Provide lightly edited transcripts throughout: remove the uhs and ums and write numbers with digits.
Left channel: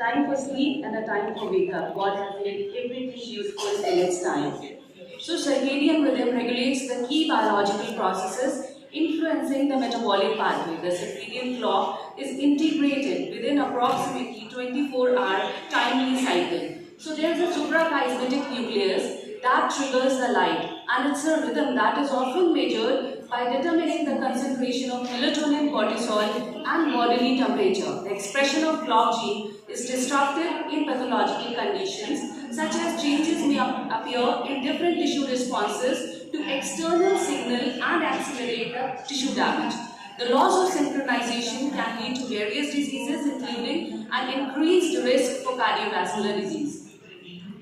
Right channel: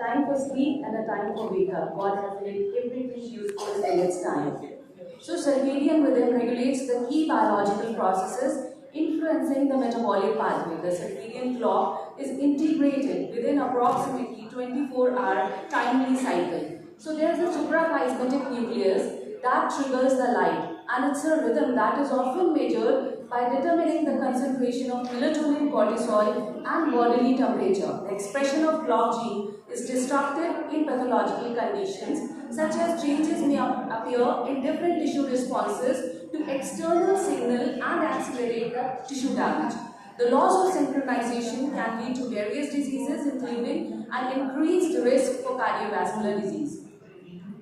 time for sleep and a time for wake up. God has made everything useful in its time. So circadian rhythm regulates the key biological processes influencing the metabolic pathway. The circadian clock is integrated within approximately 24-hour timely cycle. So there is a supraplasmatic nucleus that triggers the light, and it's a rhythm that is often measured by determining the concentration of melatonin, cortisol, and bodily temperature. The expression of clock gene is disrupted in pathological conditions, such as changes may appear in different tissue responses to external signal and accelerate the tissue damage. The loss of synchronization can lead to various diseases, including an increased risk for cardiovascular disease.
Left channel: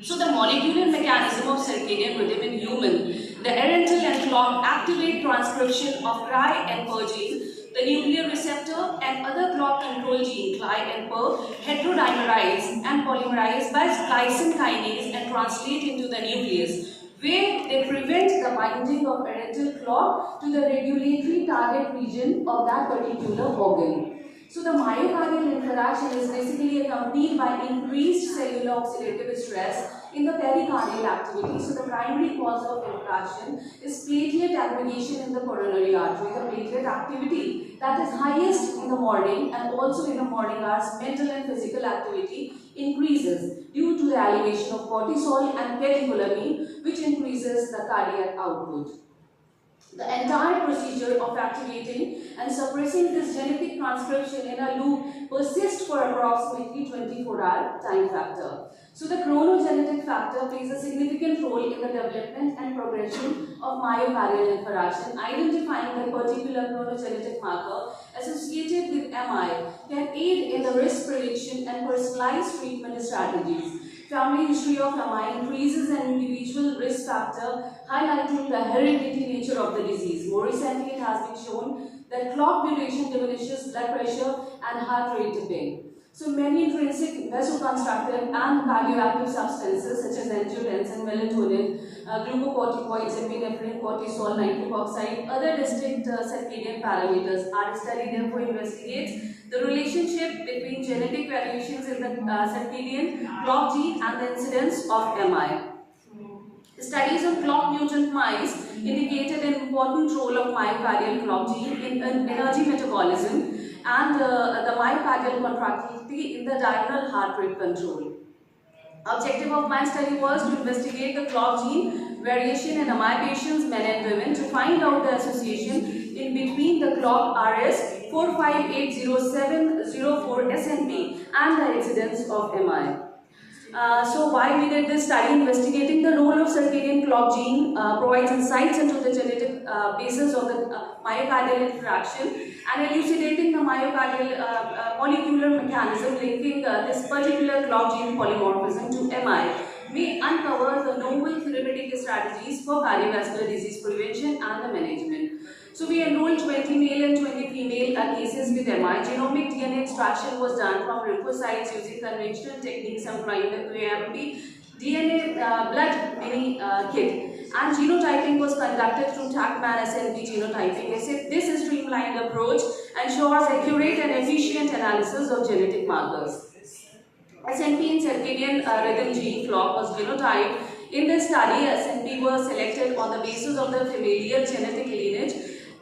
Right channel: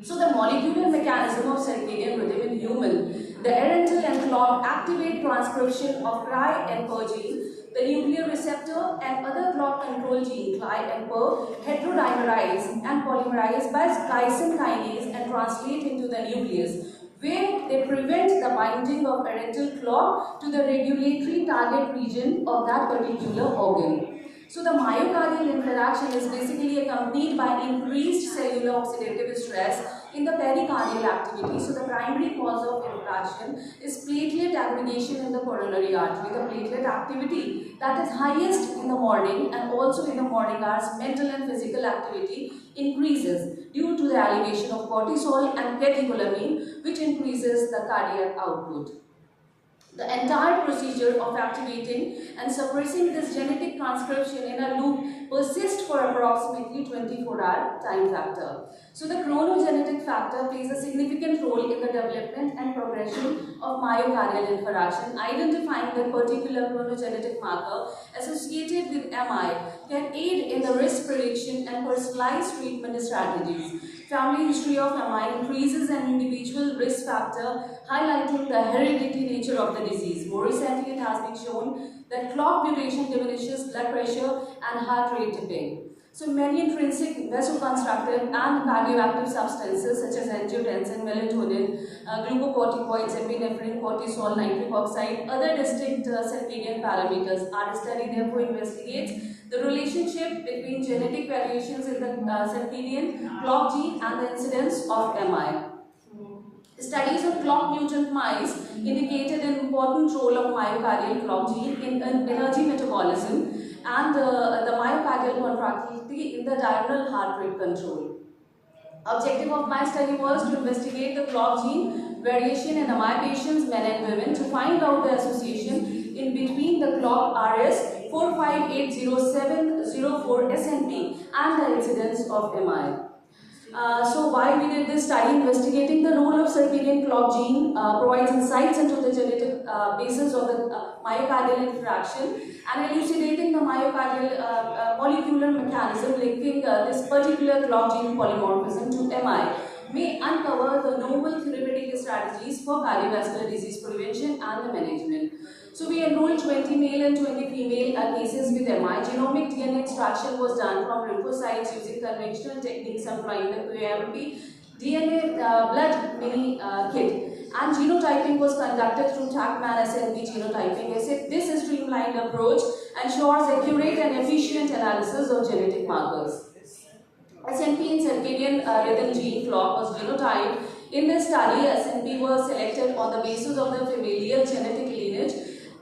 So the molecular mechanism of circadian rhythm in human, the erectile and clock activate transcription of Cry and PER gene, the nuclear receptor and other clock control gene, Cly and PER, heterodimerize and polymerize by glycine kinase and translate into the nucleus, where they prevent the binding of erectile clock to the regulatory target region of that particular organ. So the myocardial interaction is basically accompanied by increased cellular oxidative stress in the pericardial activity. So the primary cause of infraction is platelet aggregation in the coronary artery. The platelet activity that is highest in the morning and also in the morning hours, mental and physical activity increases due to the elevation of cortisol and catecholamine, which increases the cardiac output. The entire procedure of activating and suppressing this genetic transcription in a loop persists for approximately 24-hour time factor. So the chronogenetic factor plays a significant role in the development and progression of myocardial infarction. Identifying the particular chronogenetic marker associated with MI can aid in the risk prediction and personalized treatment strategies. Family history of MI increases an individual risk factor, highlighting the hereditary nature of the disease. More recently, it has been shown that clock duration diminishes blood pressure and heart rate dipping. So many intrinsic vasoconstrictive and cardioactive substances such as angiotensin, melatonin, glucocorticoids, epinephrine, cortisol, nitric oxide, other distinct circadian parameters are studied. Therefore, investigates the relationship between genetic variations in the circadian clock gene and the incidence of MI. Studies of clock mutant mice indicated an important role of myocardial clock gene in energy metabolism and the myocardial contractility in the diurnal heart rate control. Objective of my study was to investigate the clock gene variation in MI patients, men and women, to find out the association in between the clock RS 4580704 SNP and the incidence of MI. So why we did this study? Investigating the role of circadian clock gene provides insights into the genetic basis of the myocardial interaction and elucidating the myocardial molecular mechanism linking this particular clock gene polymorphism to MI may uncover the novel therapeutic strategies for cardiovascular disease prevention and the management. So we enrolled 20 male and 20 female cases with MI. Genomic DNA extraction was done from lymphocytes using conventional techniques employing the QAMP DNA blood mini kit. And genotyping was conducted through TACMAN SNP genotyping. This streamlined approach ensures accurate and efficient analysis of genetic markers. SNP in circadian rhythm gene clock was genotyped. In this study, SNP was selected on the basis of the familial genetic lineage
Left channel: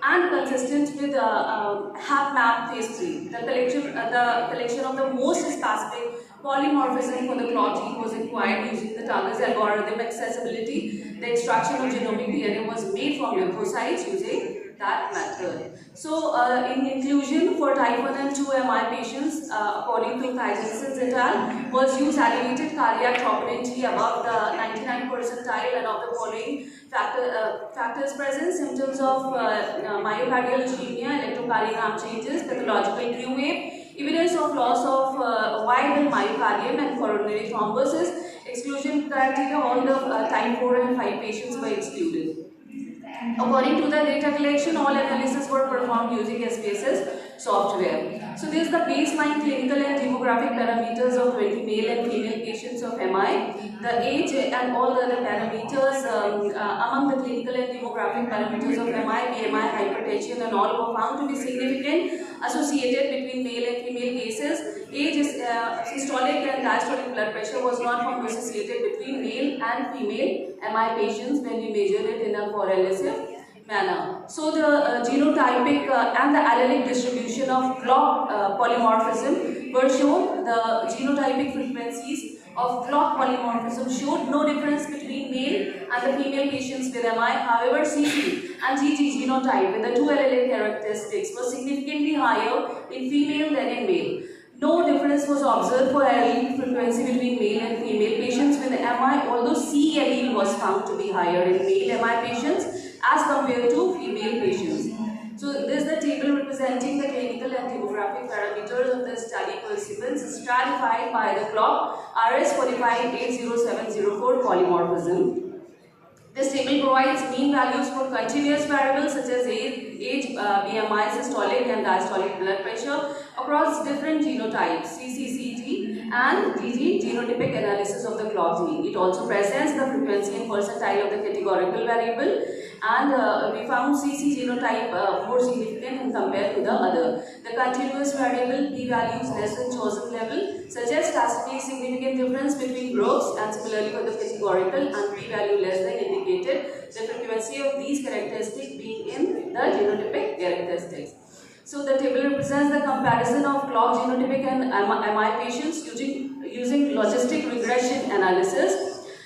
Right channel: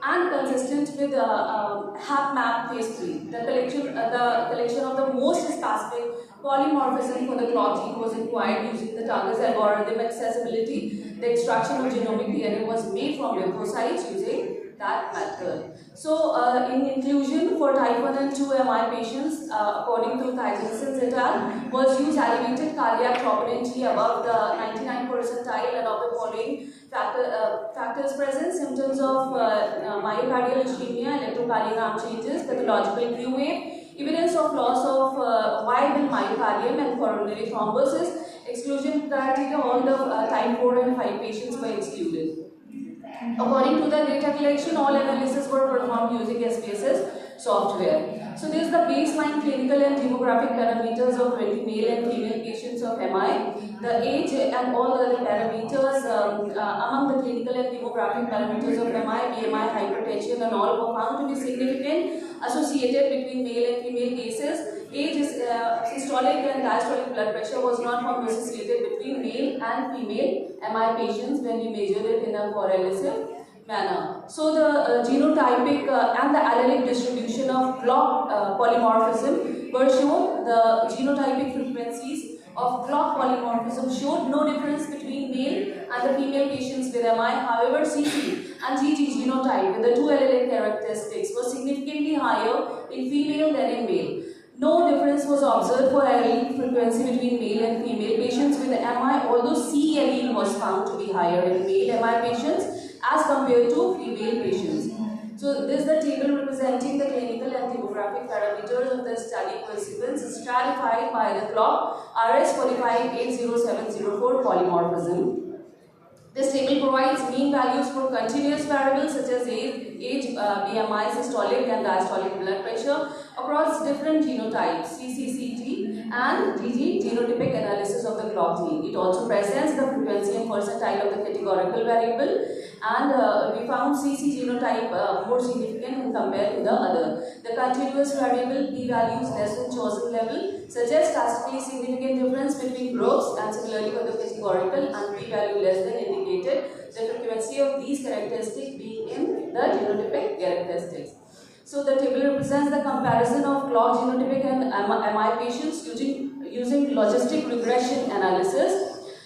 and consistent with HapMap phase 3. The collection of the most specific polymorphism for the clock gene was acquired using the Target's algorithm accessibility. The extraction of genomic DNA was made from lymphocytes using that method. So, in inclusion for type 1 and 2 MI patients, according to Thijssen et al., was used elevated cardiac troponin T above the 99th percentile and of the following factors present: symptoms of myocardial ischemia, electrocardiogram changes, pathological Q wave, evidence of loss of viable myocardium and coronary thrombosis. Exclusion criteria: all the type 4 and 5 patients were excluded. According to the data collection, all analyses were performed using SPSS software. So this is the baseline clinical and demographic parameters of 20 male and female patients of MI. The age and all other parameters among the clinical and demographic parameters of MI, BMI, hypertension and all were found to be significant associated between male and female cases. Age is systolic diastolic blood pressure was not found associated between male and female MI patients when we measured it in a correlative manner. So the genotypic and the allelic distribution of clock polymorphism were shown. The genotypic frequencies of clock polymorphism showed no difference between male and the female patients with MI. However, CC and GG genotype with the two allelic characteristics were significantly higher in female than in male. No difference was observed for allelic frequency between male and female patients with MI, although C allele was found to be higher in male MI patients as compared to female patients. So this is the table representing the clinical and demographic parameters of the study participants stratified by the clock RS4580704 polymorphism. This table provides mean values for continuous variables such as age, BMI, systolic and diastolic blood pressure across different genotypes, CCCG and GG genotypic analysis of the clock gene. It also presents the frequency and percentile of the categorical variable, and we found CC genotype more significant when compared to the other. The continuous variable p-values less than chosen level suggests statistically significant difference between groups, and similarly for the categorical and p-value less than indicated the frequency of these characteristics being in the genotypic characteristics. So the table represents the comparison of clock genotypic and MI patients using logistic regression analysis.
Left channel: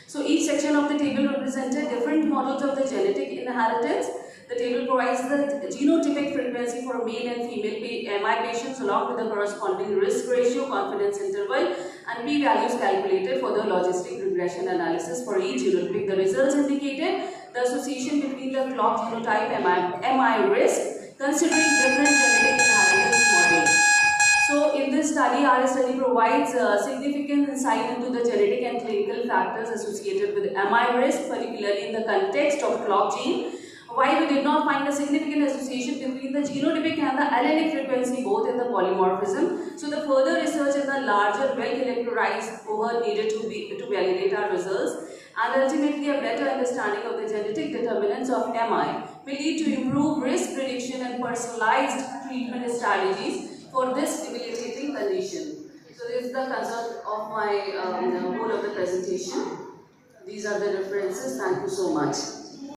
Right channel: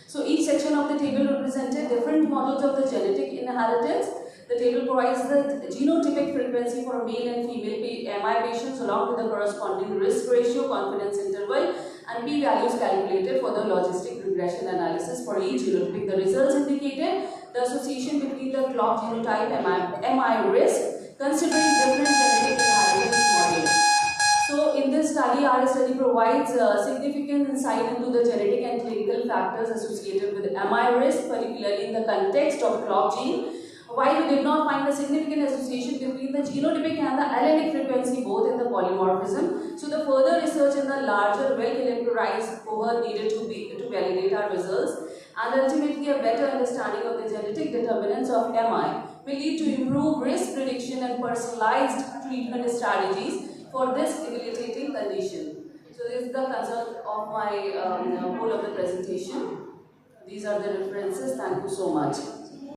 So each section of the table represented different models of the genetic inheritance. The table provides the genotypic frequency for male and female MI patients along with the corresponding risk ratio, confidence interval, and p-values calculated for the logistic regression analysis for each genotypic. The results indicated the association between the clock genotype and MI risk considering different genetic inheritance models. So in this study, our study provides significant insight into the genetic and clinical factors associated with MI risk, particularly in the context of clock gene. While we did not find a significant association between the genotypic and the allelic frequency both in the polymorphism, so the further research in the larger, well-characterized cohort needed to validate our results, and ultimately a better understanding of the genetic determinants of MI will lead to improved risk prediction and personalized treatment strategies for this debilitating condition. So this is the result of my whole of the presentation. These are the references. Thank you so much.